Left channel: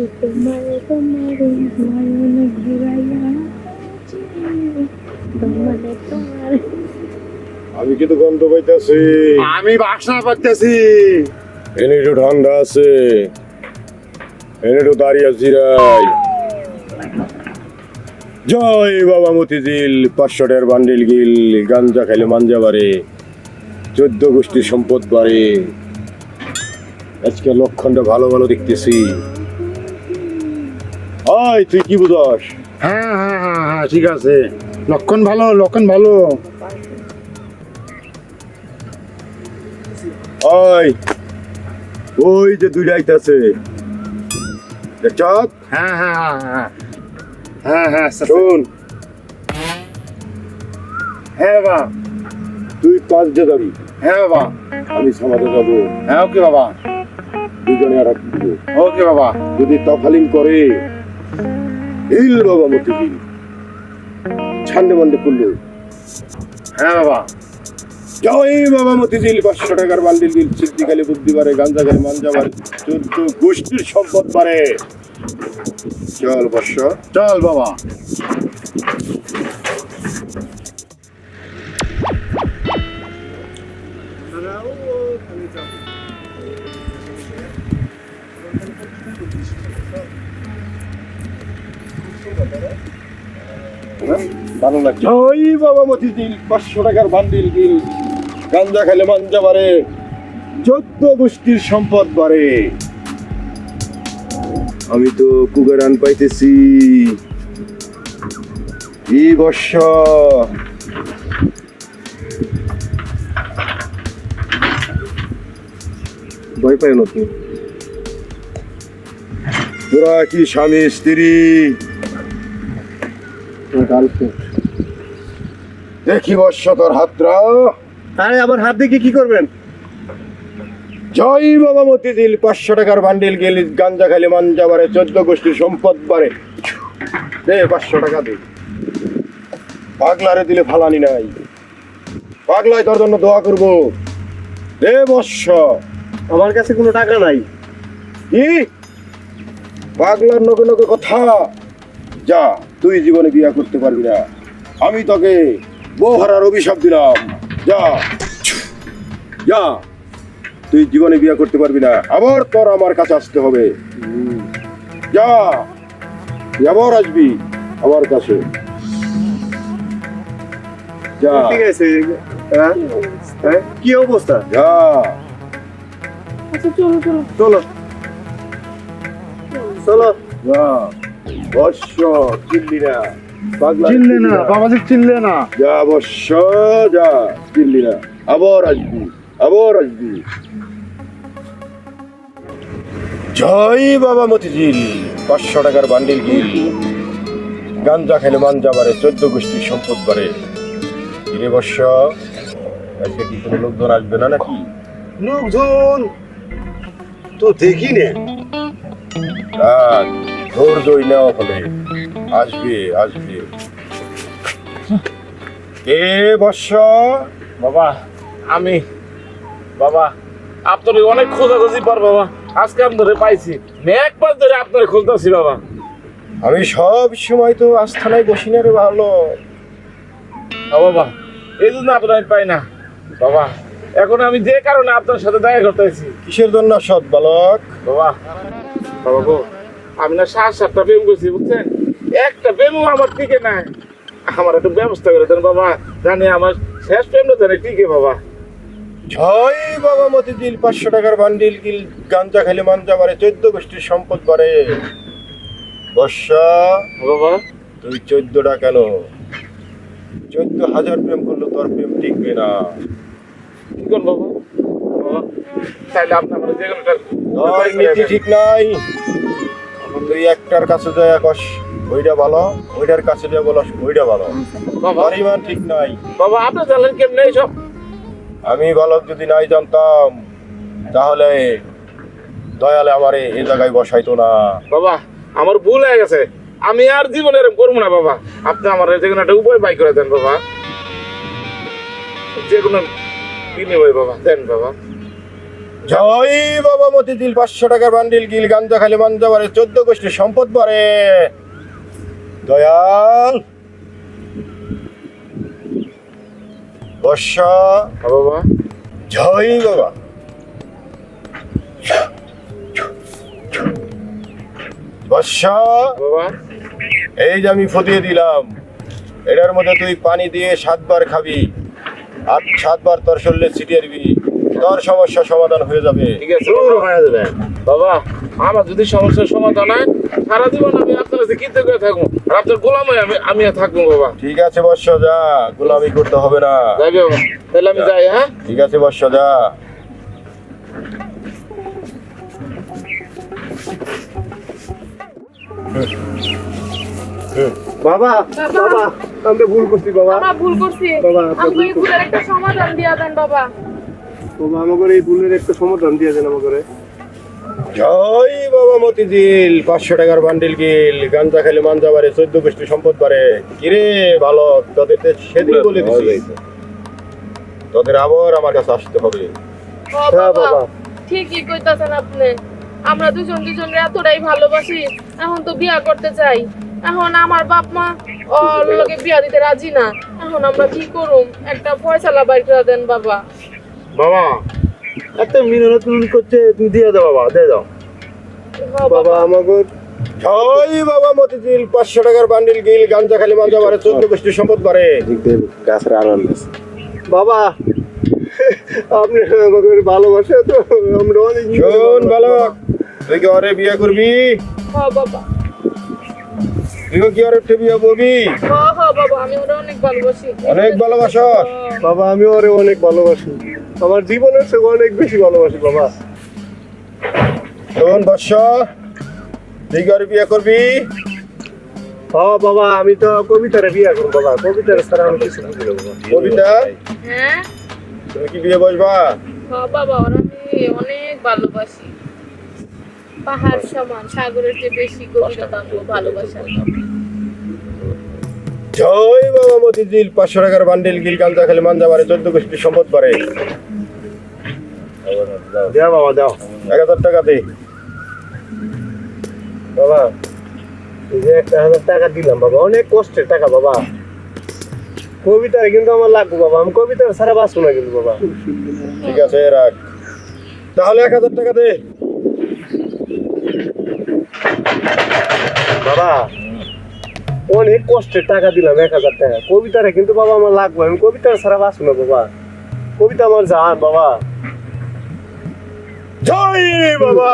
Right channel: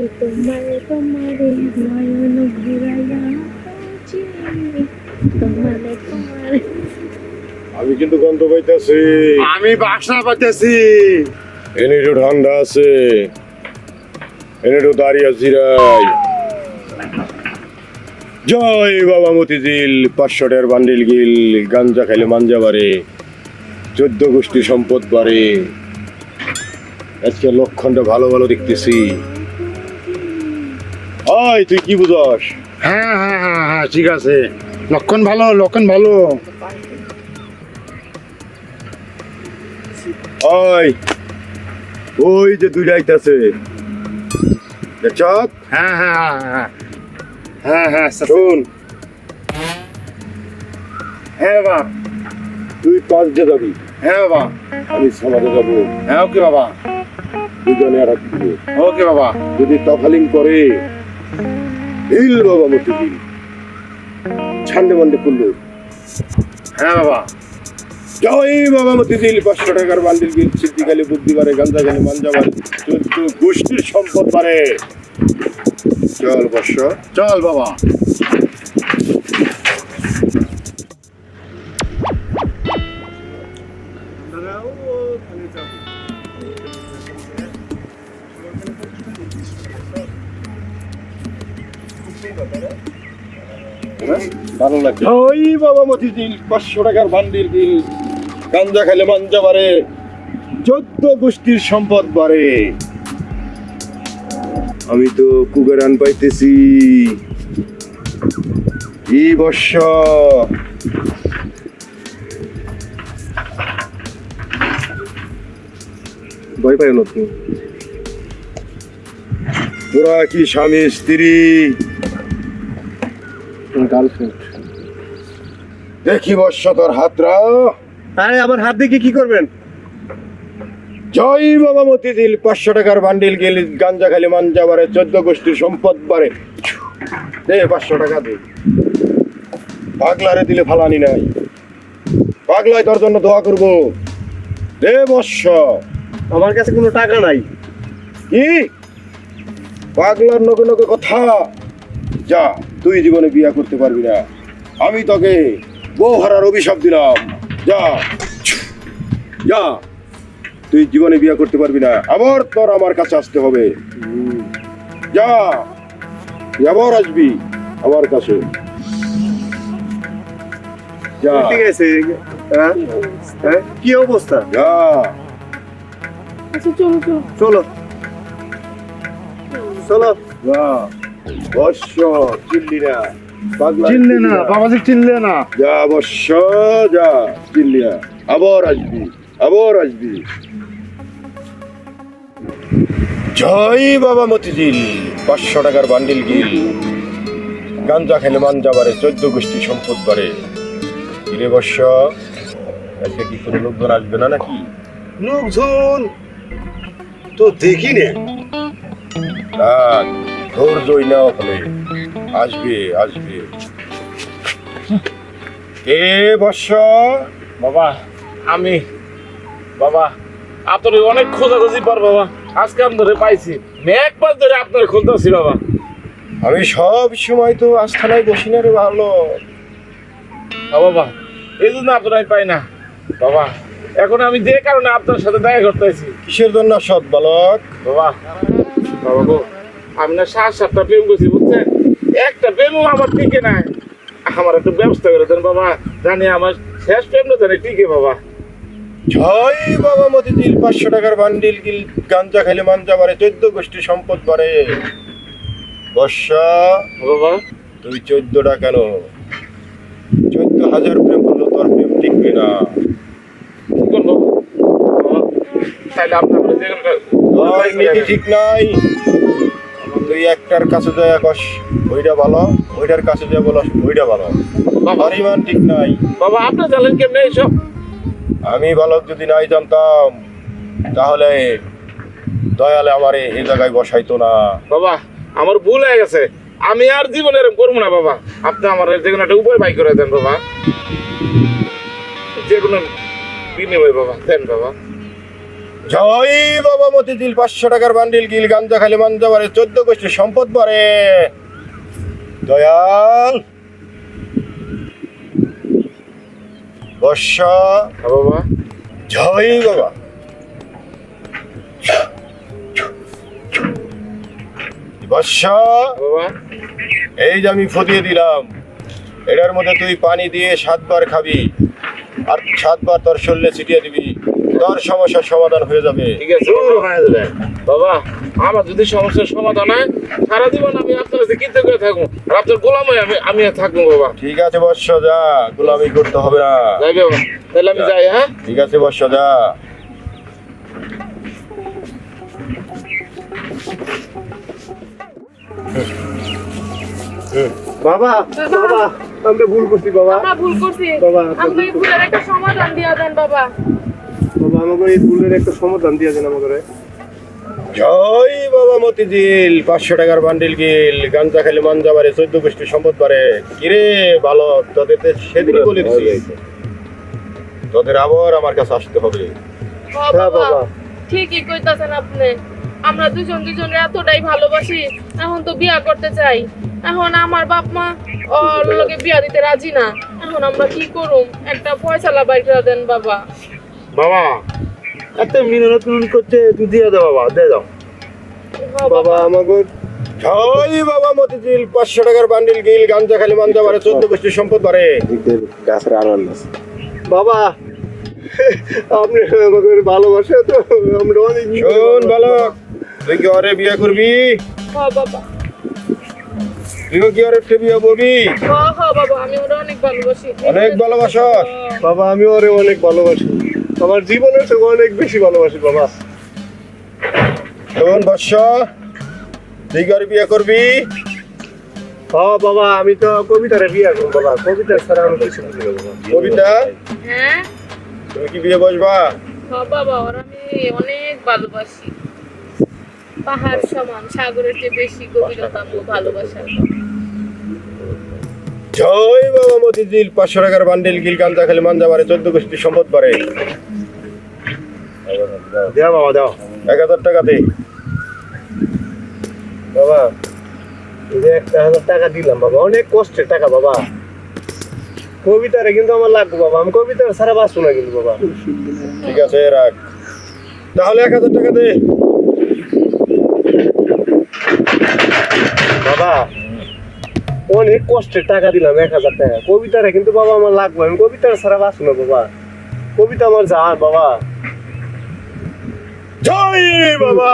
তোমারে তোমারে নয়ন ঘুরাইয়া তোমারে তোমারে। আমি কিন্তু গন্ধ পাইতেছি, আমি বাসা পাইতেছি। এনে একটু ঠান্ডা আছে, এনে একটু দাঁড়িয়ে জিরাই। জয় বাবা মতিঝিল, 500 টাকার বান্ডিল গিল, গাঞ্জা খাইলে মাঞ্জা বাড়ে, 14 গোষ্ঠীর সম্পদ বাড়ে। আজকে লক্ষণ ভালো ভালো দেখতেছি। ওই তুই কি বুঝস? হ্যাঁ হ্যাঁ হ্যাঁ হ্যাঁ, ঠিক আছে, লক্ষণ ভালো, লক্ষণ ভালো। ওই ওই যে দুইটা আইতাছে, চপ হ্যাঁ হ্যাঁ হ্যাঁ হ্যাঁ হ্যাঁ, শোন, হ্যাঁ বাবা, তুই কলেজে যাবি, হ্যাঁ বাবা, আমি সমাজে যাবো। হ্যাঁ ওকে বাবা, দুজনে আর একটু। ওকে বাবা। যদি তফালিং করে হিল বাবা মতিঝিল, ছান্ডে মান্ডে করলো। হ্যাঁ বাবা। জয় বাবা মতিঝিল, 500 টাকার বান্ডিল গিল, সিদ্ধিকালে বুদ্ধি বাড়ে, গাঞ্জা গালে মাঞ্জা বাড়ে, 14 গোষ্ঠীর সম্পদ বাড়ে। চল বর্ষ, চল বাবা। জয় বাবা মতিঝিল, 500 টাকার বান্ডিল গিল, গাঞ্জা খেলে মাঞ্জা বাড়ে, 14 গোষ্ঠীর সম্পদ বাড়ে। আমি তো কুবেরান পাইতেছি এই বর্ষ। ভয় পাই না তো? তোরা কি স্বামী স্ত্রী? দেখি বর্ষ তোর হাতরা। আরে আমার হাত দেখে কি করবেন? জয় বাবা মতিঝিল, 500 টাকার বান্ডিল গেলে, গাঞ্জা খাইলে মাঞ্জা বাড়ে, 14 গোষ্ঠীর সম্পদ বাড়ে। দে 500 টাকা দে। পাগলারে দিলে ফালানি নাই, পাগলায় তোর জন্য দোয়া করবো। দে বর্ষ। আমার কাছে কোনো টাকা নাই। কি পাগলার নগে নগে কথা? যা, তুই জীবনে বিয়ে করতে পারবি না। আমি তোকে বউ হারার অভিশাপ দিলাম। যা যা, তুই জীবনে বিয়ে করতে পারবি না। আবার তোর আমার কাছে আসতে হবে। যা, তুই আবার আসবি আমার কাছে। যা ঠিক আছে। হ্যাঁ? হ্যাঁ? কি অবস্থা? যা। আচ্ছা চলো চলো। চলো চলো। যা বর্ষ, চিল্লি না। পাগলা চিনলে না বাবাজি, চিনলে না। যা বর্ষ, যা, চিল্লি না। আবার আসবি, আবার আসবি। জয় বাবা মতিঝিল, 500 টাকার বান্ডিল গিল, গাঞ্জা খেলে মাঞ্জা বাড়ে, 14 গোষ্ঠীর সম্পদ বাড়ে। এ বর্ষ আজকে কি কোনো লোকজন আসবে না নাকি? লোকজন তো দেখি নে। ধৈর্যই নেওয়া হবে, আসবে আসবে। এ বর্ষ, বাবা আমি, বাবা আপনার অনেক খোঁজাখুঁজি পর বাবা আজকে আমি ধরে পাইছি। আমি একবার ধরে আপনার খুঁজতেছি বাবা। আমি সব সময় তো আস্থানায় বসি না রে ভালো। বাবা এই জন্য আপনার আমি পাই না বাবা। এখন আমি যে কারণে আপনার সাথে দেখা করতে আছি। কিসের জন্য সৎ বালক? বাবা, বাবা গো, আমি না 7-7টা প্রেম করছি বুঝছেন, একটা প্রেম আমার টিকে নাই। আমার একটা ব্যবস্থা করে দেন বাবা, জানি আমার শেষ প্রেমটা জানি টিকে বাবা। জয় বাবা মতিঝিল, 500 টাকার বান্ডিল গিল, গাঞ্জা খালি মাঞ্জা বাড়ে, 14 গোষ্ঠীর সম্পদ বাড়ে। বর্ষা, বাবা তুই 14টা কেন, 14,000 প্রেম করলো তোর প্রেম টিকবে না। কি করবো বাবা? তাইলে আপনি আমার জীবনটা তোর নীতি ঠিক নাই। তুই একটার কাছে যায় কস ওইটা ভালো, ওইটার কাছে যায় বলো ওইটা ভালো। বাবা, পরিমাণ ঠিক নাই। বাবা আপনার জানেন কেমনে এইসব? আমি বালক যদি নাই জানতাম তাহলে দয়ালে আমারে এই জায়গায় বসাইতো না। বাবা আমার ভুল হয়ে গেছে, আমি আর জীবনে এরকম করবো না বাবা। আপনি আমার যেগুলো একটা উপায় বাই করে দেন বাবা, যেগুলো বিনিময় বাবা দেন বাবা। জয় বাবা মতিঝিল 500 টাকার বান্ডিল গিল গাঞ্জা খালি মাঞ্জা বারে 14 গোষ্ঠী সম্পদ বারে দয়াল বর্ষা বাবা জয় বাবা বর্ষা বাবা এই যে আমি ফটিয়ে দিলাম, এটার মধ্যে তুই পানি দিয়ে 7 বার খাবি আর 7 বার তোর শরীরে ছিটিয়ে দিবি, তোর সমস্যার সমাধান হয়ে যাবে। ঠিক আছে শুরু হয়ে যাবে বাবা। আমার যদি সমস্যার সমাধান হয় সারা জীবন আমি আপনার কাছে কিনতে করে থাকবো আর আপনার গোলাম হয়ে আমি আর থাকবো বাবা। ঠিক আছে বর্ষ যা, গোলামি করতে হবে না। যাই বাবা, তাহলে আমি যাই। হ্যাঁ ঠিক আছে বর্ষ যা। বাবা বাবা আমি ভুল করছি বাবা। আমরা ভুল করছি। বাবা আমাকে এই ভুলের একটা সমাধান দিয়া দেন বাবা। বাবা আমাকে এই ভুলের একটা সমাধান দিয়ে দেন আমাকে। জয় বাবা মতিঝিল 500 টাকার বান্ডিল গিল গাঞ্জা খালি মাঞ্জা বারে 14 গোষ্ঠী সম্পদ পারে। কিরে ভালো, তোদের তো সেদিন বলে দিছি তোদের আবার আমার কাছে আসতে হবে। হ্যাঁ বাবা, ঠিকই কইতাছেন আপনি। আমরা দুজন দুজনে এতটাই ভালোবাসি, এখন তো বিয়া করতে চাই। এখন আমার বাপ মা ওর লগে বিয়া দিতে রাজি না। এখন আমরা কি করুম? একটা ফয়সালা বাইর করে দেন বাবা। বাবা একটা মিনতি করতে দিয়ে দাও বাবা, দিয়ে দাও হ্যাঁ বাবা আমাকে। জয় বাবা মতিঝিল 500 টাকার বান্ডিল গিল গাঞ্জা খালি মাঞ্জা বারে 14 গোষ্ঠী সম্পদ পারে। বাবা আপনি আমাকে ভালোবাসে তো আমরা অনেক শোন ভালো, তুই কি ওরে বিয়ে করবি? হ্যাঁ বাবা, তুই কি ওরে বিয়ে করবি? হ্যাঁ হ্যাঁ বাবা, আমি ওরা অনেক ভালোবাসি। অনেক ভালোবাসো? বাবা আমি ওরে অনেক ভালোবাসি, আমার জীবনের থেকে অনেক বেশি ভালোবাসি বাবা। শোন বর্ষ, তুই কি ওরে বিয়ে করবি? হ্যাঁ বাবা আমি তো কবিতারে বিয়ে করবো বাবা, কবিতার ছাড়া আমি কিছু না বাবা। কবিতা হ্যাঁ তুমি কি বিয়ে বসবা? হ্যাঁ বাবা, ওরা আমি অনেক ভালোবাসি। পাহাড় সমান, সাগরের চেয়ে বেশি কষ্ট পাবো ভালোবাসার। জয় বাবা মতিঝিল 500 টাকার বান্ডিল গিল গাঞ্জা খালি মাঞ্জা বারে 14 গোষ্ঠী সম্পদ পারে। দাও বাবা দাও 1000 টাকা দে। বাবা, এই যে 1000 টাকা দিলাম বাবা, অনেক কষ্টের টাকা বাবা। কবিতারে কিন্তু আমার লাগবে বাবা, আমি কবিতা সারা বাঁচবো না কিন্তু বাবা। ঠিক আছে রাখ, তাহলে 1000 টাকা দে। বাবা অনেক কষ্টের টাকা দিলাম 1000 টাকা, কবিতারে কিন্তু বাবা আমার লাগবে, আমি কবিতা সারা বাঁচবো না বাবা। কবিতা আমার জান বাবা। জয় বাবা।